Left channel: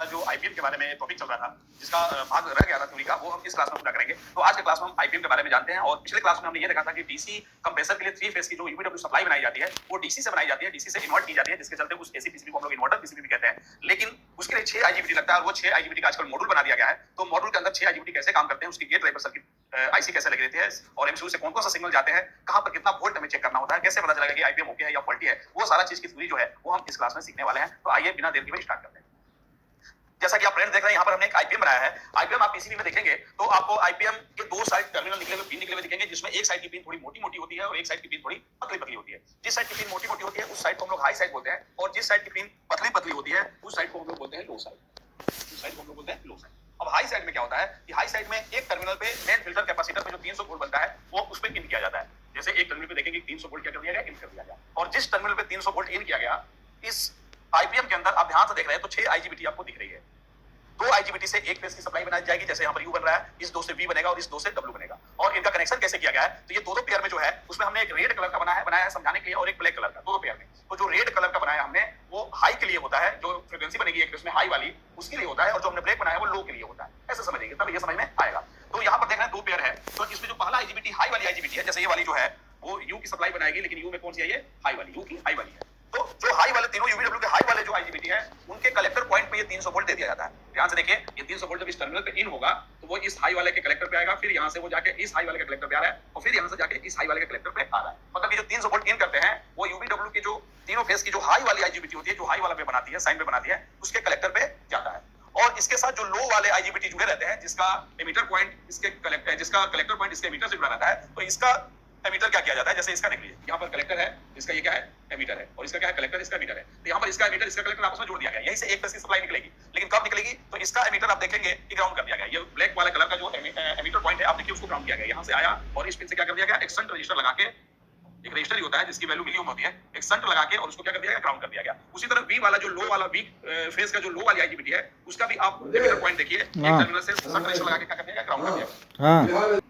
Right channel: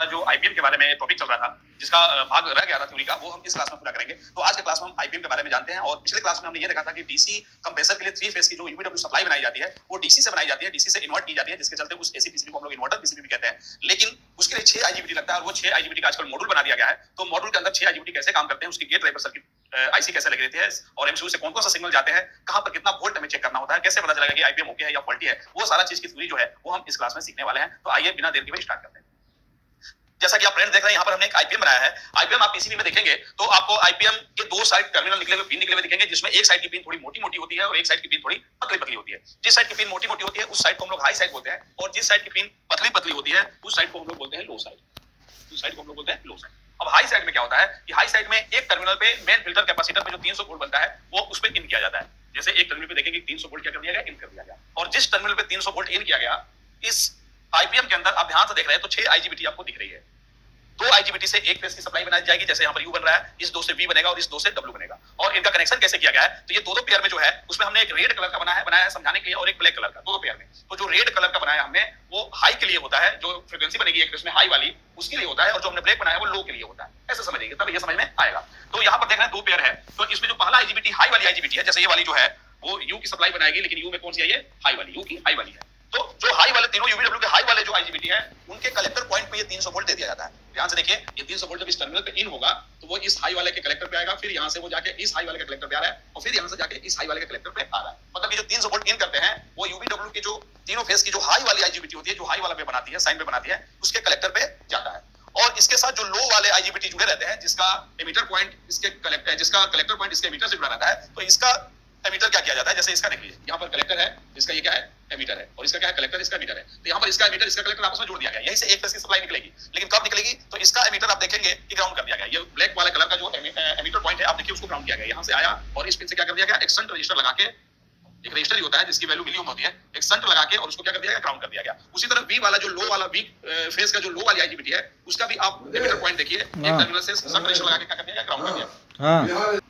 जो आईपीएम के बारे में टॉपिक चल रहा था, जिसका भाग रह गया था थ्योरी का, वो हम इस क्लास में पूरा करेंगे। तो आज के क्लास में हम आईपीएम के बारे में जानते हैं। और पिछले क्लास में हमने ये देखा था कि डीसी कंप्रेसर के लिए 3 फेज की जो यूवीडब्ल्यू सप्लाई बनाई जाती है, वो डीसी से बनाई जाती है, डीसी से इन्वर्ट की जाती है, जिसके चलते उस एसी पीसीबी को हम लोग इन्वर्टर पीसीबी भी कहते हैं। लेकिन उसके लिए 6 आईजीबीटी लगता है, और वो 6 आईजीबीटी का आजकल मॉड्यूल बना दिया गया है। तो मॉड्यूल के अंदर 6 आईजीबीटी कैसे काम करते हैं, उसकी गेट ड्राइवर सर्किट आईसी कैसे लगे रहती है, और एमसीयू से कौन-कौन सा सिग्नल जाते हैं, कहां पर कितना वोल्ट हमें चेक करना होता है, कैसे पता चलेगा कि आईपीएम ओके है या फॉल्टी है, वो सारा चीज की थ्योरी जो है वो हम इस क्लास में सीखने वाले हैं। तो आइए बिना देर के स्टार्ट करते हैं। जैसा कि आप फ्रेंड्स देख रहे हैं, यहाँ पर हमने एक आईपीएम बनाया है। आईपीएम आप पीसीबी में देखेंगे तो आपको आईपीएम के 2 साइड टर्मिनल निकले हुए, पिन निकले हुए दिखेंगे, जिसमें एक साइड की पिन थोड़ी मोटी-मोटी होती है और एक साइड की पिन थोड़ी पतली-पतली होती है। जिस साइड की पिन मोटी-मोटी होती है उस साइड को हम लोग हाई साइड बोलते हैं, और जिस साइड की पिन पतली-पतली होती है उस साइड को हम लोग बोलते हैं लो साइड। उस साइड को हम लोग बोलते हैं लो साइड। अब हाई साइड में क्या होता है कि हाई साइड में एक टर्मिनल पे मेन फिल्टर कैपेसिटर पे जो 300 वोल्ट बनता है वो उस पे इन किया जाता है। जैसे एक टर्मिनल पे देखेंगे 300 वोल्ट क्या कर दिया गया, इन कर दिया गया। और जिस टर्मिनल पे 300 वोल्ट इन किया गया, इस आईपीएम के अंदर आप ध्यान से देख रहे हैं तो 6 आईजीबीटी आपको दिख रही है। 2 आईजीबीटी से एक फेज की सप्लाई बनाई जाएगी, जैसे यहाँ पर यू बन रहा है, इस 2 से वी बनेगा और इस 2 से डब्ल्यू बनेगा। और इनका कनेक्शन कैसे किया गया है, तो ये दो पेयर में जो है उसमें हमने एक रेड कलर का बनाया है समझाने के लिए, और एक ब्लैक कलर का, दो पेयर में। तो जो रेड कलर का बनाया हमने वो हाई के लिए होता है, जो फ्रीक्वेंसी बनेगी एक फेज में हाई वाली उसके लिए होता है, और जो हमने ब्लैक बनाया वो लो के लिए होता है। ऐसे समझिए तब ये समझ में आएगा। तो यहाँ पर देख रहे हैं 2 पेयर है, तो इसमें जो पहला आईजीबीटी हाई वाली आईजीबीटी है, जैसे ये वाली जो है वो यू की सप्लाई बनाएगी, लेकिन यू में कौन सी है, ये हाई वाली, यू की हाई वाली है। तो जो हाई वाले तीनों यूवीडब्ल्यू के हाई वाले जो आईजीबीटी है उनके कलेक्टर पॉइंट पे ये 300 वोल्ट दे दिया जाता है। ध्यान से देखिए, ये 300 वोल्ट जब इस टर्मिनल पे इन होगा तो वो इस हाई वाले के कलेक्टर पे आएगा, फिर यहां से वो जाके इस हाई वाले के कलेक्टर पे आ रहा है, और फिर यहां से जाके इस हाई वाले के कलेक्टर पे आ रहा है। मतलब ये जो 300 वोल्ट इन करते हैं वो यूवीडब्ल्यू की जो तीनों फेज की जो हाई वाली आईजीबीटी होती है, जो हाई वाला पे बनाती है, साइन पे बनाती है, उसके कलेक्टर पे जाता है। और इसके साथ जो लो वाले आईजीबीटी जुड़े रहते हैं, जिसका एमिटर पॉइंट इसके कलेक्टर, जिसका कलेक्टर पॉइंट इसके एमिटर से जुड़ा रहता है, तो इसका एमीटर क्या किया जाता है, जैसे इसका देखिए यहाँ पर कलेक्टर है, इसका ये क्या है, एमीटर है, और इसका क्या है, कलेक्टर, इसका एमीटर है। तो यहाँ पर इसका एमीटर इसका कलेक्टर आपस में जोड़ दिया गया, यहीं से एक फेज की सप्लाई निकलेगी। लेकिन कब निकलेगी, तो इसका एमीटर आप देखेंगे कि ग्राउंड कर दिया गया। ये ब्लैक वाला कलर का जो एमीटर पॉइंट है आप देखिए उसको ग्राउंड किया गया, यहाँ से आया और इस पिन से क्या कर दिया गया, एक शंट रजिस्टर लगा के, एक रजिस्टर ही होता है जिसकी वैल्यू मिली होती है, एक शंट लगा के और उसको क्या कर दिया गया, ग्राउंड कर दिया गया। उसी तरह वी वाला जो लो वाला वी फेज का जो लो वाली आईजीबीटी है उसका भी आप एमीटर पॉइंट देखिए, एक टर्मिनल से शंट रजिस्टर लगा के क्या कर दिया गया, ग्राउंड कर दिया गया।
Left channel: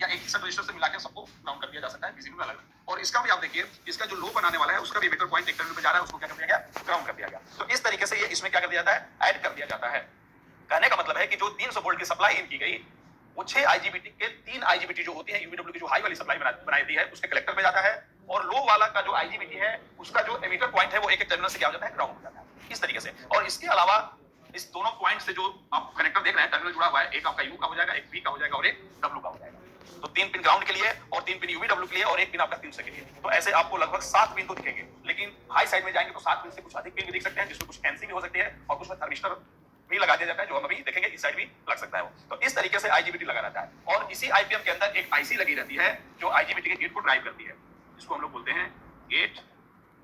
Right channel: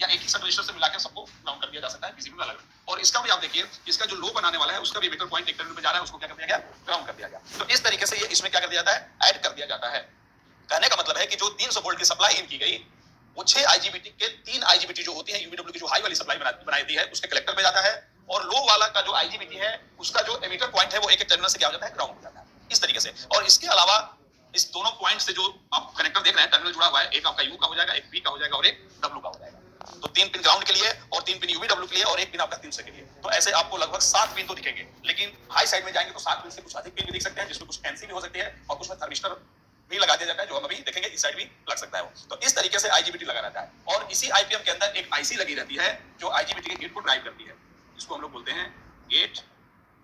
या एक ही सब रजिस्टर से मिलाकर सबको ग्राउंड कर दिया जा सकता है पीसीबी में अलग। और इसका भी आप देखिए, इसका जो लो बनाने वाला है उसका भी एमीटर पॉइंट एक टर्मिनल पे जा रहा है, उसको क्या कर दिया गया, ग्राउंड कर दिया गया। तो इस तरीके से ये इसमें क्या कर दिया जाता है, ऐड कर दिया जाता है। कहने का मतलब है कि जो 300 वोल्ट की सप्लाई इन की गई, वो 6 आईजीबीटी के 3 आईजीबीटी जो होती है यूवीडब्ल्यू की जो हाई वाली सप्लाई बनाई दी है उसके कलेक्टर पे जाता है, और लो वाला का जो आईजीबीटी है उसका जो एमीटर पॉइंट है वो एक एक टर्मिनल से क्या हो जाता है, ग्राउंड हो जाता है। इस तरीके से। और इसके अलावा इस दोनों पॉइंट से जो आप कनेक्टर देख रहे हैं टर्मिनल जुड़ा हुआ है, एक आपका यू का हो जाएगा, एक वी का हो जाएगा और एक डब्ल्यू का हो जाएगा। तो 3 पिन ग्राउंड के लिए और 3 पिन यूवीडब्ल्यू के लिए और एक पिन आपका 300 के लिए। तो ऐसे आपको लगभग 7 पिन तो दिखेंगे। लेकिन हाई साइड में जाएंगे तो 7 पिन से कुछ अधिक पिन भी दिख सकते हैं, जिसमें कुछ फैंसी भी हो सकती है और कुछ में थर्मिस्टर भी लगा दिया जाता है, जो हम अभी देखेंगे इस साइड भी लग सकता है वो। तो इस तरीके से आईजीबीटी लगा रहता है। और इसी आईपीएम के अंदर एक आईसी लगी रहती है जो आईजीबीटी के गेट को ड्राइव करती है, जिसको हम लोग बोलते हैं गेट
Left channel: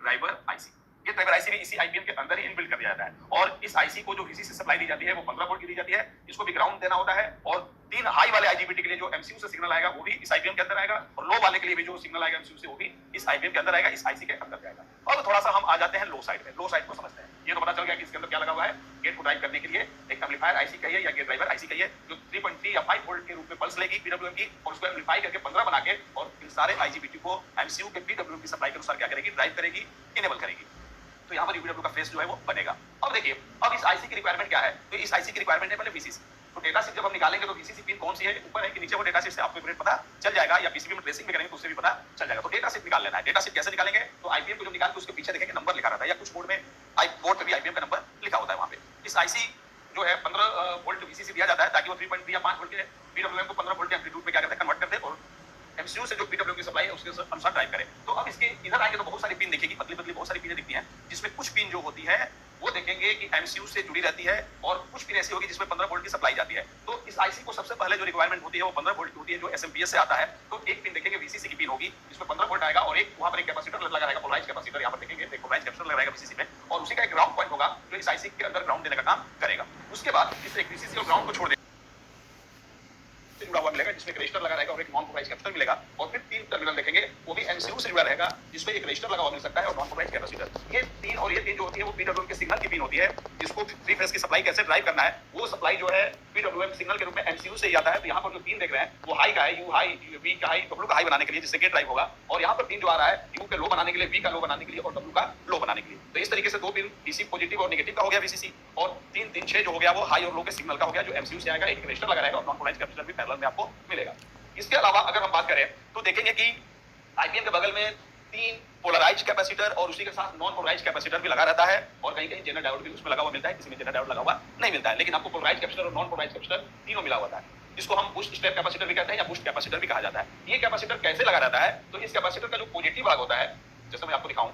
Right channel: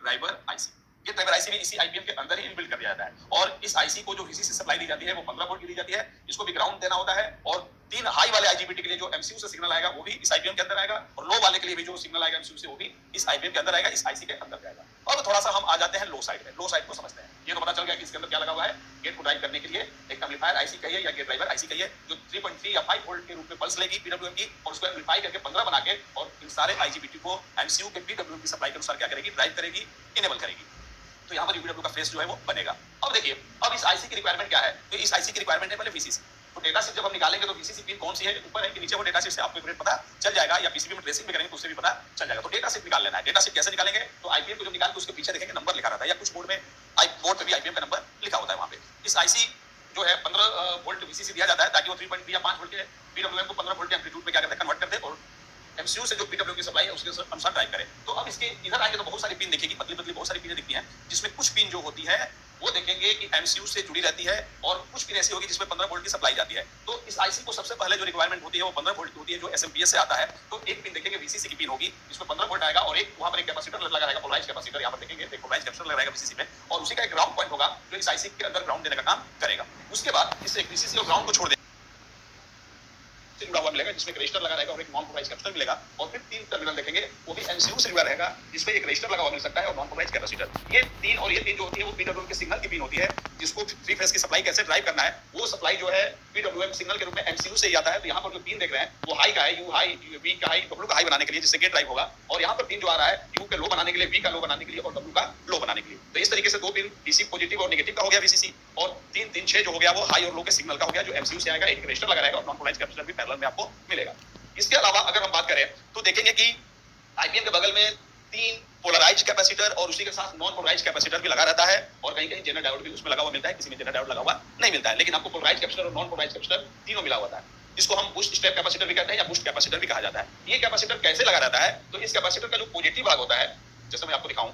ड्राइवर आईसी। ये ड्राइवर आईसी भी इसी आईपीएम के अंदर ही इनबिल्ट कर दिया जाता है। और इस आईसी को जो वीसीसी से सप्लाई दी जाती है वो 15 वोल्ट की दी जाती है, इसको भी ग्राउंड देना होता है। और 3 हाई वाले आईजीबीटी के लिए जो एमसीयू से सिग्नल आएगा वो भी इस आईपीएम के अंदर आएगा, और लो वाले के लिए भी जो सिग्नल आएगा एमसीयू से वो भी इस आईपीएम के अंदर आएगा, इस आईसी के अंदर जाएगा। अब थोड़ा सा हम आ जाते हैं लो साइड में। लो साइड को समझते हैं। ये तो पता चल गया कि इसके अंदर क्या लगा हुआ है, गेट को ड्राइव करने के लिए एक एम्पलीफायर आईसी कहिए या गेट ड्राइवर आईसी कहिए, जो 3.3 या 5 वोल्ट के रूप में पल्स लेगी पीडब्ल्यूएम की, और उसको एम्पलीफाई करके 15 बना के और इन सारे आईजीबीटी को एमसीयू के पीडब्ल्यूएम की सप्लाई के अनुसार क्या करेगी, ड्राइव करेगी, इनेबल करेगी। तो यहाँ पर यूवीडब्ल्यू का फेस जो है वो बनेगा। अब देखिए, अब इस आईसी की रिक्वायरमेंट क्या है, तो इस आईसी की रिक्वायरमेंट है पहले वीसीसी। तो डेटा शीट जब हम निकालेंगे तो वीसीसी पिन कौन सी है, ऊपर है कि नीचे, वो डेटा शीट से आपको ग्रेड पता चल जाएगा, या पीसीबी में ट्रेसिंग में करेंगे तो उससे भी पता चल जाएगा। तो डेटा शीट निकाल लेना है। डेटा शीट कैसे निकालेंगे, तो आईपीएम को जब निकालेंगे तो उसके पीछे देखेंगे नंबर लिखा रहता है, या कुछ बोर्ड में बोर्ड पे भी आईपीएम का नंबर लिखा होता है वहां पे। इस आईसी जो है 15 वोल्ट वीसीसी दिया जाता है ताकि वो 3.3 या 5 वोल्ट के पीडब्ल्यूएम को 15 वोल्ट के एम्पलीट्यूड पे क्या करते हैं, कन्वर्ट करते हैं और एमसीयू से जो पीडब्ल्यू की सप्लाई है उसके अनुसार ड्राइव करे। तो अब इसके इधर आएंगे तो बहुत सारी पिन दिखेगी, पतली पतली बहुत सारी पिनें दिखती हैं, जिसमें कुछ पिन जो होती है वो देखेंगे कि एमसीयू से जुड़ी रहती है, और कुछ पिन ऐसी होगी जिसमें 15 वोल्ट की सप्लाई जाती है। तो इस आईसी को सबसे पहले जो रिक्वायरमेंट होती है वो 15 वोल्ट की होती है, जो एसएमपीएस से आता है। तो एक पिन देखेंगे वीसीसी की पिन होगी, जिसमें 15 वोल्ट आएगा, और एक वहां पर एक कैपेसिटर लगा रहेगा, पोलराइज्ड कैपेसिटर। यहाँ पर देखेंगे एक पोलराइज्ड कैपेसिटर लगा रहेगा वीसीसी में, और उसी का एक ग्राउंड पॉइंट होगा जो इस आईसी के अंदर ग्राउंड देने का काम करेगा। उसके बाद इस वीसीसी और ग्राउंड को छोड़ जुड़ा हुआ मिलेगा, जिसमें एक रजिस्टर लगा रहेगा और एक नॉन पोलराइज कैपेसिटर मिलेगा, और फिर 3 टर्मिनल देखेंगे वो भी एमसीयू से जुड़ा रहेगा जिसमें एक रजिस्टर लगा हुआ मिल सकता है और नॉन पोलराइज कैपेसिटर। ये 3 जो होती है वो पीडब्ल्यूएम के सिग्नल की पिन होती है, जिसको 3 फेज की सप्लाई कैसे ड्राइव करना है वो सप्लाई जो है पीडब्ल्यूएम सिग्नल के रूप में एमसीयू से ही आता है। तो यहाँ पर जो पिन देख रहे हैं वो हाई का है, यू हाई, वी का हाई, डब्ल्यू का हाई बनाने के लिए जिससे गेट ड्राइव होगा, और यहाँ पर पिन जो आ रहा है यू के लो बनाने के लिए, वी का लो बनाने के लिए और डब्ल्यू का लो बनाने के लिए। तो इस तरीके से 2 पिन डीसी पॉजिटिव और नेगेटिव का हो गया वीसीसी, और 3 जो हो गया वो हाई और लो के सिग्नल का हो गया जो एमसीयू से आएगा। एक रजिस्टर लगा रहेगा और नॉन पोलराइज कैपेसिटर भी पैरेलल में आपको मिलेगा। इसके अलावा अगर हम बात करें तो देखेंगे कि आईपीएम के बगल में 3 पोलराइज कैपेसिटर और उसी के साथ नॉन पोलराइज कैपेसिटर भी लगा रहता है, और कहीं कहीं जेनर डायोड भी उसमें लगा हुआ मिलता है, किसी में जेनर डायोड लगा हुआ नहीं मिलता है, लेकिन आपको पोलराइज कैपेसिटर और नॉन पोलराइज कैपेसिटर तीनों मिला हुआ है, जिसको हम बूस्ट स्टेप कैपेसिटर भी कहते हैं या बूस्ट कैपेसिटर भी कहा जाता है। ये कैपेसिटर कैसे लगा रहता है, तो इस कैपेसिटर का जो पॉजिटिव भाग होता है, जैसे मैं आपको दिखाऊं,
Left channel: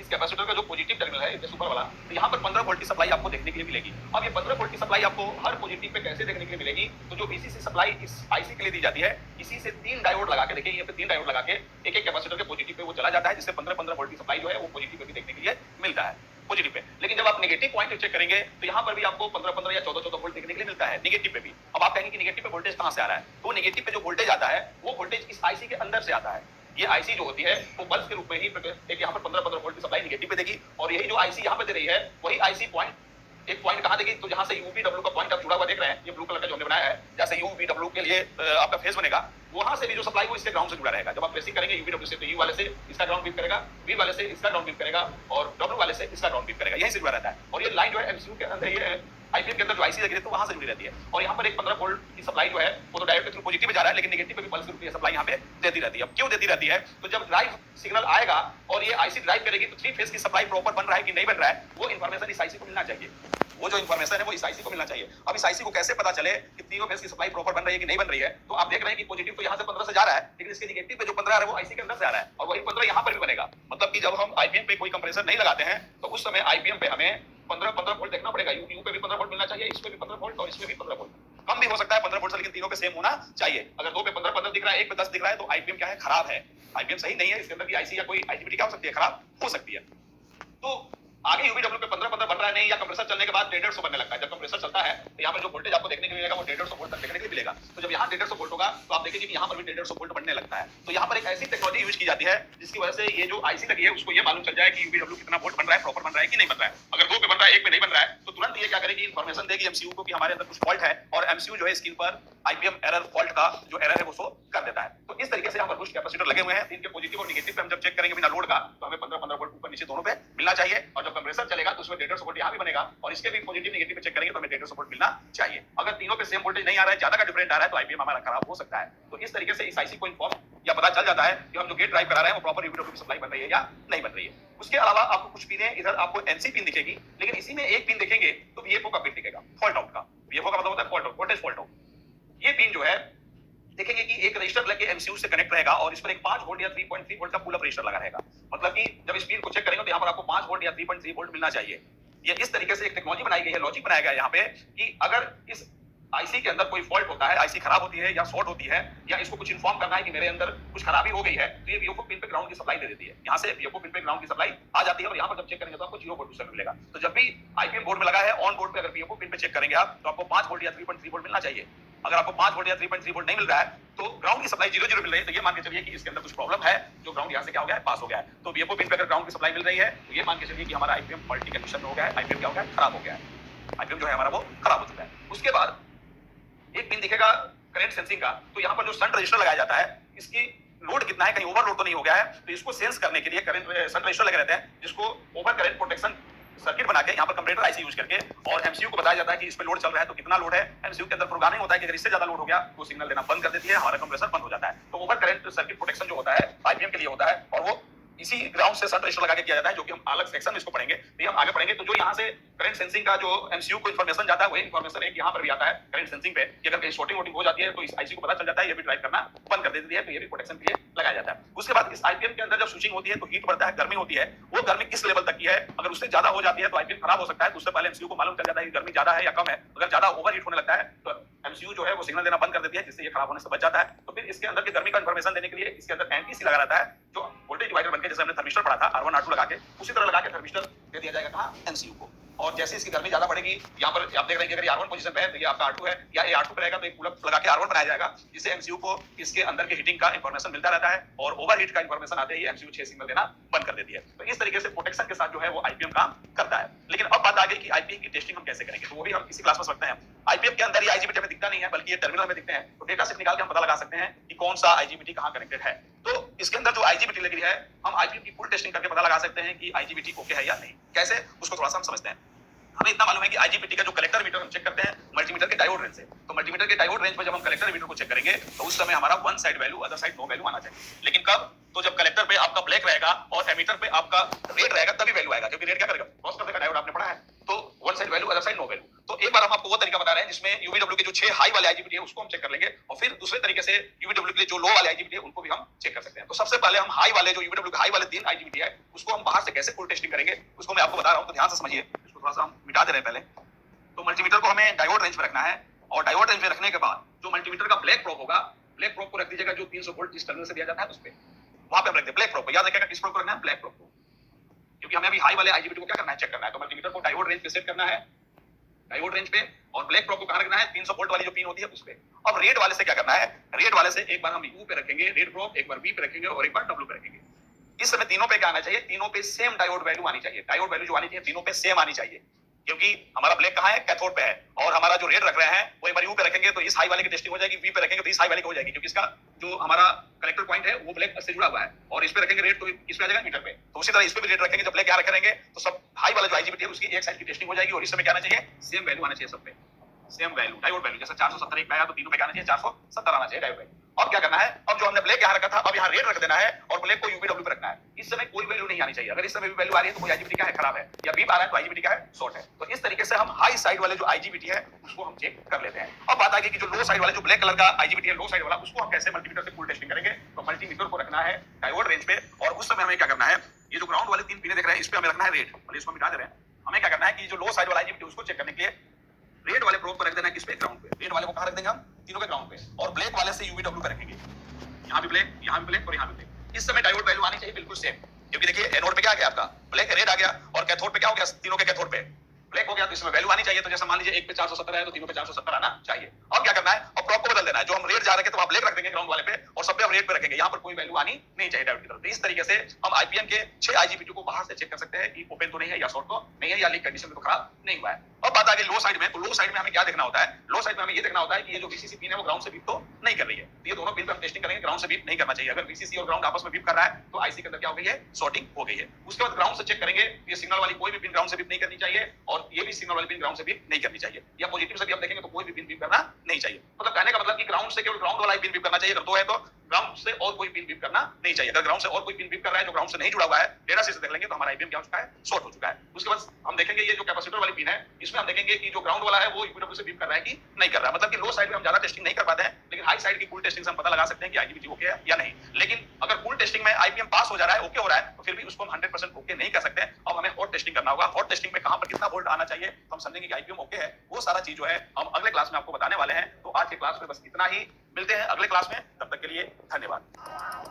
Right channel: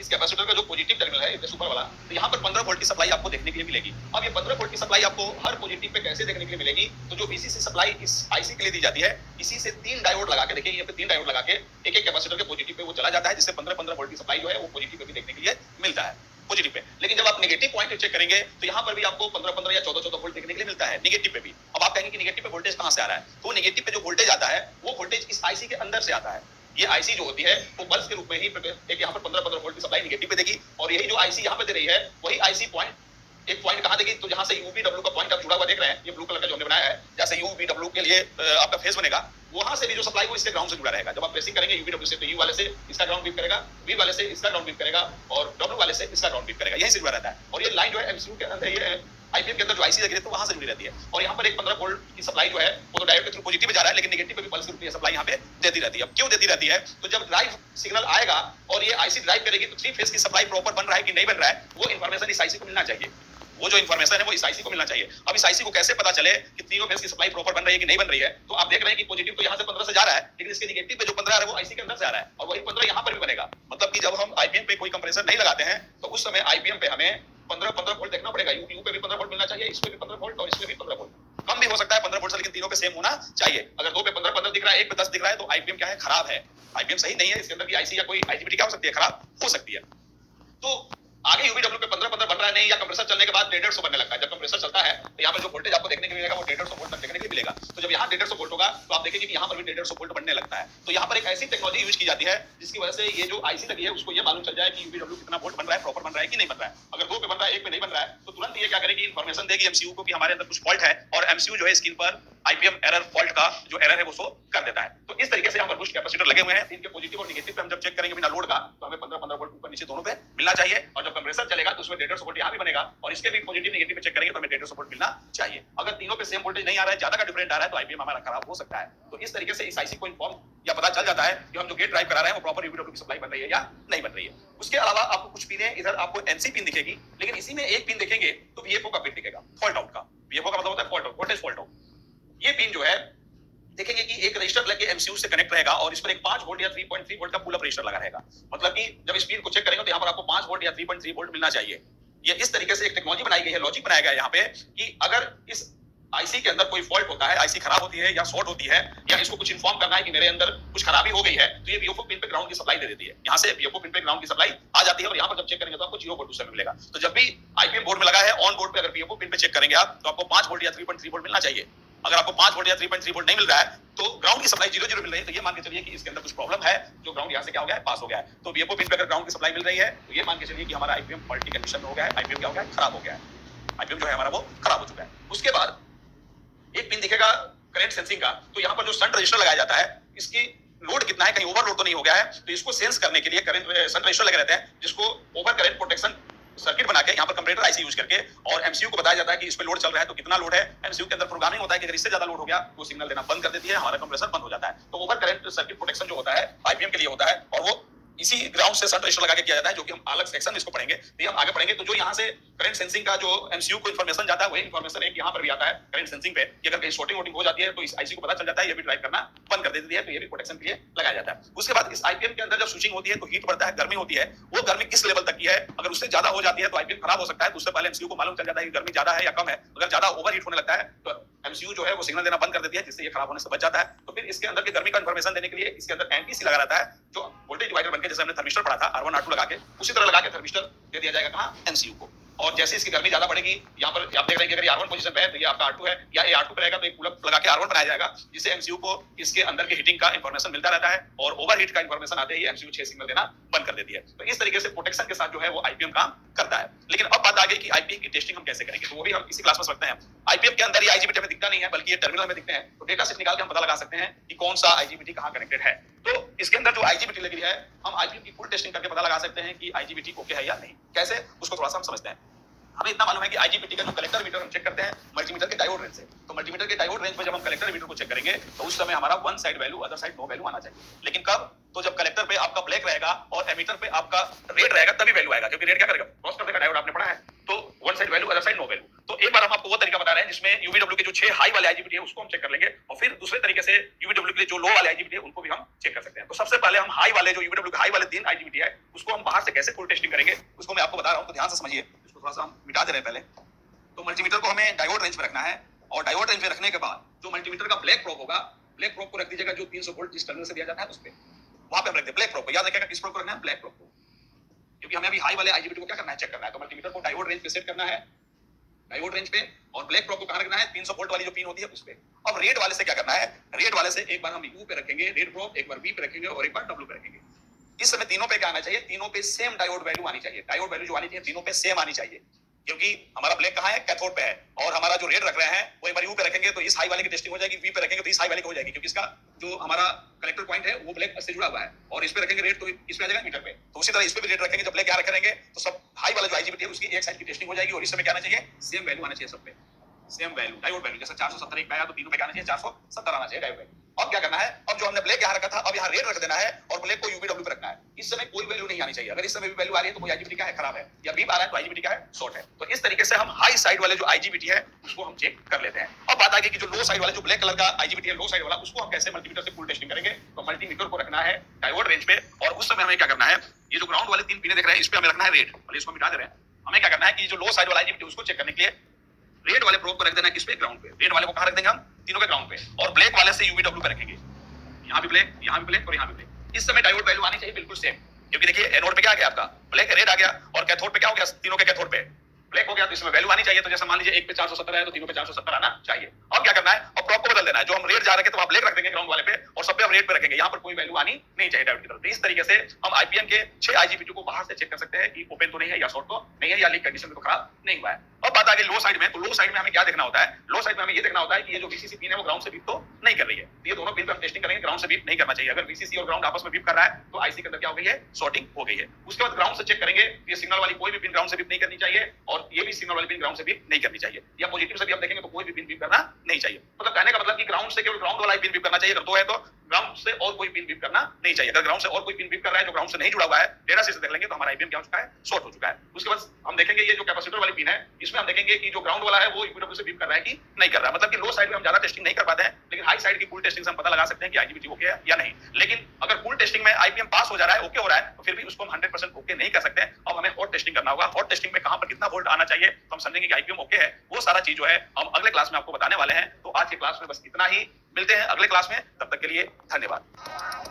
इस कैपेसिटर का जो पॉजिटिव टर्मिनल है इधर ऊपर वाला, तो यहाँ पर 15 वोल्ट की सप्लाई आपको देखने के लिए मिलेगी। अब ये 15 वोल्ट की सप्लाई आपको हर पॉजिटिव पे कैसे देखने के लिए मिलेगी, तो जो वीसीसी सप्लाई इस आईसी के लिए दी जाती है, इसी से 3 डायोड लगा के, देखिए ये पे 3 डायोड लगा के एक कैपेसिटर के पॉजिटिव पे वो चला जाता है, जिससे 15 वोल्ट की सप्लाई जो है वो पॉजिटिव पे भी देखने के लिए मिलता है, पॉजिटिव पे। लेकिन जब आप नेगेटिव पॉइंट चेक करेंगे तो यहाँ पर भी आपको 15 या 14 वोल्ट देखने के लिए मिलता है नेगेटिव पे भी। अब आप कहेंगे कि नेगेटिव पे वोल्टेज कहाँ से आ रहा है, तो नेगेटिव पे जो वोल्टेज आता है वो वोल्टेज इस आईसी के अंदर से आता है। ये आईसी जो होती है वो पल्स के रूप में ही एक यहाँ पर 15 वोल्ट की सप्लाई नेगेटिव पे देगी, और यही जो आईसी यहाँ पे दे रही है वही आईसी पॉइंट एक पॉइंट कहाँ देगी, तो जहाँ से यूवीडब्ल्यू का पॉइंट आप जुड़ा हुआ देख रहे हैं, ये ब्लू कलर का जो हमने बनाया है, जैसे यूवीडब्ल्यू के लिए आपका फेस बनेगा, वहां से भी जो सप्लाई वो इसके ग्राउंड से जुड़ा रहेगा। जब आप प्रेसिंग करेंगे यूवीडब्ल्यू से, तो यू वाले से इसका ग्राउंड बीप करेगा, वी वाले से इसका ग्राउंड बीप करेगा, और डब्ल्यू वाले से इसका ग्राउंड बीप करेगा, यहीं से जुड़ा रहता है। और ये लाइन जो है एमसीयू के अंदर, ये आईपीएम के अंदर जो आईसी लगी है तो वहां से जुड़ी रहती है। और यहाँ पर एक 15 वोल्ट की सप्लाई जो है वो तो डायोड के थ्रू पॉजिटिव में जा रहा है, लेकिन नेगेटिव पे भी पल्स के रूप में सप्लाई यहाँ पे देती रहती है। अब क्यों देती रहती है, तो जब ड्राइव सिग्नल आएगा और ये आईसी ड्राइव करेगी तो 3 फेज की सप्लाई प्रॉपर बन रहा है कि नहीं बन रहा है, वो इन्फॉर्मेशन इस आईसी को मिलना चाहिए। वो जो इन्फॉर्मेशन है वो इस आईसी को मिलना चाहिए। अब इस आईसी को कैसे पता चले कि तीनों फेज की सप्लाई प्रॉपर बन रही है कि नहीं बन रही है, तो आप देख रहे हैं कि पॉजिटिव तो यहाँ से 15 से जा रहा है, लेकिन इसके नेगेटिव पे जो 15 आ रहा है वो आईसी के अंदर से आ रहा है, और वही 15 यहाँ पर भी बनेगा। मतलब कि जब हम आईपीएम पे कोई कंप्रेसर नहीं लगाते हैं तो उस समय आईपीएम पे हमें 15 वोल्ट देखना पड़ेगा। यू पे भी 15 वोल्ट मिलना चाहिए, इसमें भी 15 वोल्ट और इसमें भी 15 वोल्ट। कम भी हो सकता है 15 वोल्ट से, लेकिन तीनों पे सेम होना चाहिए। अगर 2 पे 15 दिख रहा है, 1 पे 10 दिख रहा है, तो आईपीएम क्या है, खराब है, आईपीएम सही नहीं है। इसके अंदर की आईसी या कोई आईजीबीटी क्या हो सकती है, खराब हो सकती है। तो आगे यूवीडब्ल्यू पे 15 बन रहा है नहीं, या कंप्रेसर चलने के बाद 150 बनने लगता है। जब कंप्रेसर चलता है तो यहाँ पर जो वोल्टेज आपको देखने के लिए मिलेगा वो 150 वोल्ट तक देखने के लिए मिलेगा। तो जब यहाँ 150 वोल्ट होगा तो आप देखेंगे कि यहाँ पर भी 150 वोल्ट बनने लगता है। तो यहाँ पर एक ऐसी टेक्नोलॉजी यूज की जाती है जिसकी वजह से ये जो आईसी लगी है उसको ये मालूम चल जाए कि यूवीडब्ल्यू कितना वोल्ट बन रहा है, प्रॉपर बन रहा है कि नहीं बन रहा है। अगर 2 पे बन रहा है, 1 पे नहीं बन रहा है, तो तुरंत ये क्या करेगी, इन्फॉर्मेशन देगी एमसीयू को कि हमारे अंदर कुछ फॉल्ट है, और एमसीयू जो है स्क्रीन पर आईपीएम एरर फॉल्ट का जो एरर है वो शो कर देता है। तो इस तरीके से यहाँ पर बूस्ट कैपेसिटर लगे हुए हैं, इनके पॉजिटिव और नेगेटिव पे हम जब चेक करेंगे बिना लोड का, तो हमें 15 वोल्ट ऊपर नीचे दोनों पे मिलना चाहिए। और जब कंप्रेसर चलेगा तो उसमें 150 वोल्ट यहाँ भी बनेगा, और इसके भी पॉजिटिव नेगेटिव पे चेक करेंगे तो हमें 150 वोल्ट मिलना चाहिए। अगर तीनों पे सेम वोल्टेज नहीं आ रहा है, ज्यादा का डिफरेंट आ रहा है, तो आईपीएम हमारा खराब हो सकता है। तो इस तरीके से इस आईसी को इन्फॉर्म या पता चल जाता है कि हम जो गेट ड्राइव करा रहे हैं वो प्रॉपर यूवीडब्ल्यू की सप्लाई बन रही है या नहीं बन रही है। उसके अलावा आपको कुछ पिनें, इधर आपको एनसी पिन दिखेगी, लेकिन इसी में एक पिन देखेंगे तो वीएफओ का पिन दिखेगा, फॉल्ट आउट का। वीएफओ का मतलब होता है fault out, voltage fault out. ये पिन जो है देखेंगे कि एक रजिस्टर लेके एमसीयू से कनेक्ट रहेगा, और इस पर एक 5 वोल्ट या 3.3 वोल्ट का पुल अप रजिस्टर लगा रहेगा। मतलब कि जब इस पिन को चेक करेंगे तो यहाँ पर आपको 5 वोल्ट या 3.3 वोल्ट मिलना चाहिए। ये इस तरीके से एक टेक्नोलॉजी बनाई गई है, लॉजिक बनाया गया है यहाँ पे कि अगर इस आईसी के अंदर कोई फॉल्ट होता है, आईसी खराब होती है या शॉर्ट होती है, या इसको कुछ इन्फॉर्म करना है कि मेरे अंदर कुछ खराबी हो गई है, तो ये वीएफओ पिन पे ग्राउंड की सप्लाई दे देती है। यहाँ से वीएफओ पिन पे ग्राउंड की सप्लाई आ जाती है, और यहाँ पर जब चेक करेंगे तो आपको 0 वोल्ट उसमें मिलेगा। तो जब भी आईपीएम बोर्ड में लगा है, ऑन बोर्ड पे अगर वीएफओ पिन पे चेक करेंगे आप, तो आपको 5 वोल्ट या 3.3 वोल्ट मिलना चाहिए। अगर आपको 5 वोल्ट या 3.3 वोल्ट नहीं मिल रहा है, तो ग्राउंड की सप्लाई 0 मिल रही है, तो ये मान के चलिए कि इसके अंदर कुछ प्रॉब्लम है, जो ग्राउंड यहाँ से क्या हो गया है, पास हो गया है। तो वीएफओ पिन पे अगर ग्राउंड की सप्लाई मिल रही है, तो ये मान के चलिए कि हमारा आईपीएम फॉल्टी कंडीशन में हो गया है, आईपीएम क्या हो गया है, खराब हो गया है, आईपीएम जो है हमारा वो खराब हो चुका है। उसके बाद एक पिन दिखेगा करंट सेंसिंग का, तो यहाँ पर जो शंट रजिस्टर लगाया जाता है, इसकी लोड कितना है, कहीं ओवरलोड तो नहीं हो गया है, तो इसको सेंस करने के लिए करंट शंट रजिस्टर लगे रहते हैं, जिसको ओवर करंट प्रोटेक्शन सर्किट बना के यहाँ पर कंप्यूटर आईसी यूज करके, और एमसीयू को बताया जाता है कि इस पे लोड चल रहा है तो कितना लोड है। एमसीयू के अंदर प्रोग्रामिंग होता है कि अगर इससे ज्यादा लोड हो गया तो सिग्नल देना बंद कर देती है, हमारा कंप्रेसर बंद हो जाता है। तो ओवर करंट सर्किट प्रोटेक्शन जो होता है आईपीएम के लिए होता है, और वो इसी ग्राउंड से शंट रजिस्टर लगा के किया जाता है, जो कि हम अलग सेक्शन में इसको पढ़ेंगे। तो हम आगे पढ़ेंगे, तो जो यहाँ से करंट सेंसिंग का जो एमसीयू को इन्फॉर्मेशन जाता है, वही इन्फॉर्मेशन एक यहाँ पर भी आता है करंट सेंसिंग पे, कि अगर कहीं शॉर्टिंग वोटिंग हो जाती है तो इस आईसी को पता चल जाता है, ये भी ड्राइव करना बंद कर देती है, तो ये भी प्रोटेक्शन के लिए लगाया जाता है। उसके बाद इस आईपीएम के अंदर जब स्विचिंग होती है तो हीट बढ़ता है, गर्मी होती है, वो गर्मी किस लेवल तक की है, अगर उससे ज्यादा हो जाती है तो आईपीएम खराब हो सकता है। तो उससे पहले एमसीयू को मालूम चल जाता है कि गर्मी ज्यादा है या कम है। अगर ज्यादा ओवर हीट होने लगता है तो एमसीयू जो है वो सिग्नल देना बंद कर देती है, जिससे ये खराब होने से बच जाता है। तो फिर इसके अंदर की गर्मी का इन्फॉर्मेशन देने के लिए इसके अंदर एनटीसी लगा रहता है, जो वोल्टेज डिवाइडर बनकर, जैसे हमने थर्मिस्टर पढ़ा था R1 R2 लगा के, उसी तरह लगा के थर्मिस्टर दे दिया जाएगा कहाँ, एमसीयू को। और जैसे इसकी गर्मी ज्यादा बढ़ेगी, यहाँ पर आप देख रहे हैं कि अगर R1 पोजीशन पे है तो ये आपका R2 है, या ये R2 पे रहेगा तो एक कूलर लगा के R1 बनाया जाएगा, जिससे एमसीयू को इसके अंदर के हीटिंग का इंफॉर्मेशन मिलता रहता है और ओवरहीट का इंफॉर्मेशन आते ही एमसीयू 6 सिग्नल देना बंद कर देती है। तो इस तरीके से प्रोटेक्शन के साथ जो है वो आईपीएम काम करता है। लेकिन अब बात आ गई कि आईपीएम की टेस्टिंग हम कैसे करेंगे, तो वो भी हम इसी क्लास में समझते हैं। आईपीएम के अंदर ये आईजीबीटी हमें दिखता नहीं है, बल्कि ये टर्मिनल में दिखते हैं, तो डेटा से निकाल के हम पता लगा सकते हैं कि कौन सा आईजीबीटी कहां कनेक्टेड है। तो इसके अंदर जो आईजीबीटी लगी है, हम आईपीएम की फुल टेस्टिंग करके पता लगा सकते हैं कि आईजीबीटी ओके है या नहीं। कैसे, उसको थोड़ा सा हम समझते हैं। हमें इतना मालूम है कि आईजीबीटी का जो कलेक्टर मीटर हम चेक करते हैं मल्टीमीटर के डायोड रेंज से, तो मल्टीमीटर के डायोड रेंज पर जब हम कलेक्टर मीटर को चेक करेंगे तो उस समय हमारा one side value other side no value आना चाहिए। लेकिन कब, तो जब कलेक्टर पे आपका ब्लैक रहेगा और एमीटर पे आपका रेड रहेगा तभी वैल्यू आएगा, क्योंकि रेड क्या करेगा, क्रॉस कर देगा, डायोड आपने पढ़ा है। तो one side value other side no value. तो एक बार हम आपको वो तरीका बता रहे हैं जिसमें यूवीडब्ल्यू के जो 6 हाई वाले आईजीबीटी है उसको हम चेक कर लेंगे, और फिर दूसरे तरीके से यूवीडब्ल्यू के जो लो वाले आईजीबीटी है उनको भी हम चेक कर सकते हैं। तो सबसे पहले हम हाई वाले, जो यूवीडब्ल्यू के हाई वाले 3 आईजीबीटी है उसको हम बाहर से कैसे फुल टेस्टिंग करेंगे उसको मैं आपको बता रहा हूं, तो ध्यान से समझिए। इसको थोड़ा सा हम मिटा दे रहे हैं पहले। तो मल्टीमीटर को हमें डायोड रेंज पे रखना है, और डायोड रेंज पे रखने के बाद जो मल्टीमीटर का ब्लैक प्रोब होगा, ब्लैक प्रोब को रख दीजिएगा जो 300 वोल्ट जिस टर्मिनल से दिया जाता है उस पे, वहां पे हम रख दे ब्लैक प्रोब को। याद रखिएगा किस प्रोब को रखना है, ब्लैक प्रोब को, क्योंकि हमें अभी हाई वाले आईजीबीटी को क्या करना है, चेक करना है। तो मल्टीमीटर को डायोड रेंज पे सेट करना है, डायोड रेंज पे, और ब्लैक प्रोब को कहां रखना है, 300 वोल्ट वाली जो पिन होती है उस पे। अब रेड वाले से क्या करना है, रेड वाले से एक बार हम यू पे रखेंगे रेड प्रोब, एक बार बी पे रखेंगे और एक बार डब्ल्यू पे रखेंगे। इस समय तीनों पे क्या आना चाहिए, तीनों पे सेम डायोड वैल्यू आनी चाहिए। डायोड वैल्यू जो आनी चाहिए तीनों पे सेम आनी चाहिए, क्योंकि हमारा ब्लैक कहां है, कैथोड पे है, और हमारा जो रेड रख रहे हैं वो एक बार यू पे रखेंगे तो इस हाई वाले की टेस्टिंग हो जाएगी, वी पे रखेंगे तो इस हाई वाले की हो जाएगी, क्योंकि इसका जो हमारा कनेक्टर पॉइंट है वो ब्लैक से जुड़ा हुआ है, और इस पे रखेंगे रेड तो इस पे आ जाएगा मीटर पे। तो उसी तरह इस पे भी रेड रखेंगे, जब ब्लैक यहां रखेंगे तो सब हाई वाला जो आईजीबीटी है उसकी एक साइड की टेस्टिंग हो जाएगी, और इस समय क्या आना चाहिए, सेम वैल्यू आना चाहिए सब पे, सेम वैल्यू डायोड वैल्यू। जैसे 470 एक पे आया तो तीनों पे क्या आना चाहिए, 470 आना चाहिए डायोड वैल्यू। अब क्या करना है, अब जो हमने ब्लैक यहां रखा था अब यहां रेड रख देना है और ब्लैक को यूवीडब्ल्यू पे रखना है। इस समय कोई वैल्यू नहीं आनी चाहिए, अगर इस समय भी वैल्यू आ रही है तो कोई आईजीबीटी का है, खराब है, या बीप आ रहा है तो आईजीबीटी का है, शॉर्ट है। तो इस तरीके से हम हाई साइड वाले जो आईजीबीटी है उसको हम चेक कर लेते हैं। अब बात आ गई कि जो लो साइड वाला, जो ब्लैक कलर का आईजीबीटी है लो साइड वाला, उसको हम कैसे मल्टीमीटर से फुल टेस्टिंग करेंगे। तो मल्टीमीटर को रखना है डायोड रेंज पे, और उस समय हमें क्या करना है, ये जो ग्राउंड वाले 3 पिने देख रहे हैं इस पे हमें रखना है रेड, और इसको मिटा दे रहे हैं। हमें क्या करना है कि जो लो साइड वाला आईजीबीटी उसको चेक करने के लिए रेड वाले प्रोब को रख देना है किस पे, ग्राउंड पे। रेड वाले को कहां रख देंगे हम, तीनों के ग्राउंड पे, और ब्लैक वाले से यूवीडब्ल्यू पे रखेंगे। यहाँ भी ब्लैक, यहाँ भी ब्लैक और यहाँ भी ब्लैक। इस समय डायोड वैल्यू आनी चाहिए बिल्कुल सेम, क्योंकि देखिए एनोड पे क्या आ गया आपका, ब्लैक रेड आ गया, और कैथोड पे क्या हो गया, तीनों के कैथोड पे ब्लैक हो गया, तो इसमें वैल्यू आनी चाहिए। तो जैसे मान लीजिए एक पे 470 है तो तीनों पे 470 आना चाहिए। अब क्या करना है, अब प्रोब को बदल देना है, जो हम रेड जा रहे थे तो वहां ब्लैक रख देंगे ग्राउंड वाले पे, और सब पे हम रेड पे रखेंगे, यहाँ पर कोई वैल्यू आनी नहीं चाहिए डायोड की तरफ। तो इस तरीके से हम आईपीएम के 6 आईजीबीटी को बाहर से चेक कर सकते हैं कि ओपन तो नहीं है, या शॉर्ट तो नहीं है, या लीक कंडीशन में तो खराब नहीं हुआ है। अब बात आ गई लो साइड में, तो लो साइड में हमें क्या देखना होता है, लो साइड में हमें ये देखना होता है कि ये जो वीसीसी पिन है वो ग्राउंड से बीप तो नहीं कर रही है। ये दोनों पिन पे हम टेस्टिंग करेंगे, ग्राउंड से बीप नहीं करना चाहिए। अगर वीसीसी और ग्राउंड आपस में बीप कर रहा है तो आईसी के अंदर क्या हो गई है, शॉर्टिंग हो गई है। उसके बाद ग्राउंड से चेक करेंगे, ये सिग्नल वाली कोई भी पिन ग्राउंड से बीप नहीं करनी चाहिए, और ये भी सिग्नल वाली पिन ग्राउंड से बीप नहीं करनी चाहिए, या पॉजिटिव से भी हम देखेंगे तो कोई भी पिन बीप करना नहीं चाहिए। मतलब कहने का मतलब कि ग्राउंड से केवल ग्राउंड वाला ही पिन बीप करना चाहिए, अगर दो है तो ग्राउंड से और कोई पिन बीप करना नहीं चाहिए। अगर ग्राउंड से और कोई पिन बीप कर रहा है जो ग्राउंड से नहीं जुड़ा हुआ है, डेटा से देख लेंगे तो हमारा आईपीएम क्या हो चुका है, शॉर्ट हो चुका है। उसके बाद हम देखेंगे ये जो कैपेसिटर वाली पिन है इसमें हम देखेंगे कि जो ग्राउंड वाला है वो यूपीडब्ल्यू से बीप कर रहा है कि नहीं कर रहा है। मतलब कि लो साइड में हम ज्यादा टेस्टिंग नहीं कर पाते हैं, लेकिन हाई साइड की फुल टेस्टिंग से हम पता लगा सकते हैं कि आईजीबीटी ओके है या नहीं। लेकिन अगर फुल टेस्टिंग में आईपीएम पास हो जा रहा है, ओके हो रहा है, तो फिर भी उसको हम 100% ओके नहीं कर सकते। अब हमें हॉट टेस्टिंग करना होगा, हॉट टेस्टिंग में कहां पर कितना वोल्ट आना चाहिए तो हम समझेंगे कि आईपीएम ओके है। वो सारा चीज जो है हम अगले क्लास में आपको बताने वाले हैं। तो आज के क्लास में बस इतना ही, मिलते हैं अगले क्लास में, तब तक के लिए धन्यवाद।